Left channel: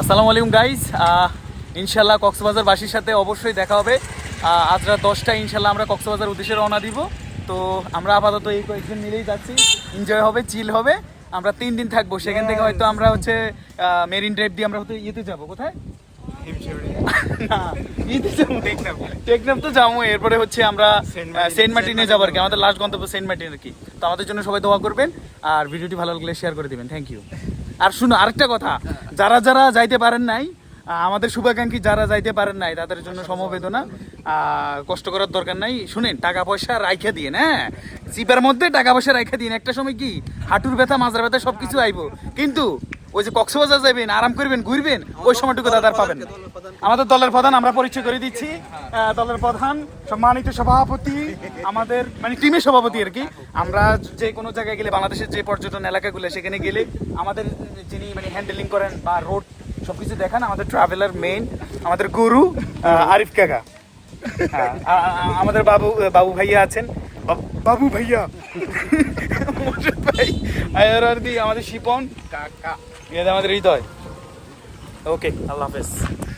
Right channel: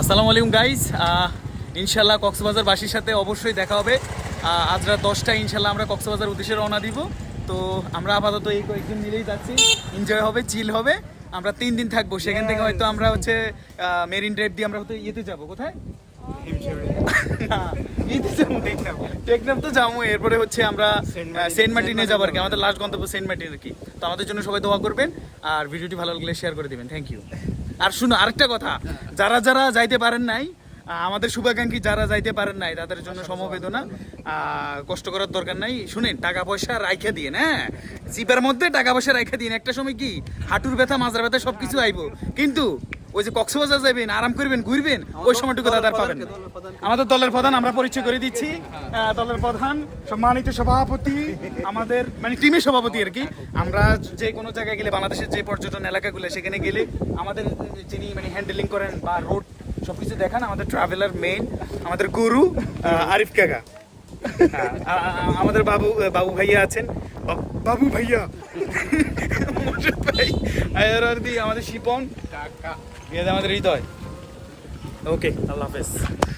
আসসালামু আলাইকুম গাইজ ইনশাল্লাহ কক্সবাজার বাসীর সাথে অবশ্যই দেখা হবে। আজ রাত দশটায় ইনশাল্লাহ আমরা কক্সবাজার উদ্দেশ্যে রওনা দিব। তো আমরা আপাতত এই কয়েকজন মিলেই যাচ্ছি। এনজয় হবে চিল হবে। আমরা তিন দিন থাকব। সেখান থেকে হয়তো আমরা হচ্ছে মেরিন ড্রাইভ দিয়ে আমরা হয়তো ইয়েতে যাব। কোথায়। টেকনাফ তো যাব। এরপরে হচ্ছে আমরা সেন্ট মার্টিনে যাব। আর কি। আমাদের লাস্ট গন্তব্য সেন্ট মার্টিন আর কি। তো আমাদের জন্য সবাই দোয়া করবেন। আর ভিডিওটি ভালো লাগলে শেয়ার করে দিবেন। থ্যাংক ইউ আর শুনো, আরেকটা কথা। যারা যারা যাইতে পারেন নাই আমাদের শুভাকাঙ্ক্ষী যারা যাইতে পারেন নাই, তাদের জন্য সমবেদনা। কষ্ট করার দরকার নাই। শুনেন, টাকা পয়সা রাইখা দিয়ে হ্যাঁ? চিপার মধ্যে টাকা পয়সা রাইখা দিন একটা সময় কি, হাঁটুর ব্যথা, মাজার ব্যথা সবকিছু আইব। কিন্তু ওই যে কক্সবাজার যাবেন আরাম করবেন ঘুরবেন ওই সময়টুকু দাদা আর পাবেন না। আমাদের দলের প্রধান আমরা পরিচয় করে দিচ্ছি। দলের প্রধান সম্মানিত সভাপতি আমাদের মানে টিমের সভাপতি আর কি। আমরা যে কোনো জায়গায় গেলে বাংলাদেশের যে পর্যটন এলাকাগুলো সেখানে গেলে আমাদের যিনি মানে হ্যান্ডেলিং করেন বা রোড সবকিছু দেখান আমাদের ট্রাভেলার মেইন আমাদের গুরু আরিফ কাকা। আমাদের বাবু বাবু ভাইয়া আছেন। বাবু ভাইয়া। ভাই আর আর কি আমাদের শিপন। এটা আমাদের হৃদয়। ওকে আল্লাহ হাফেজ।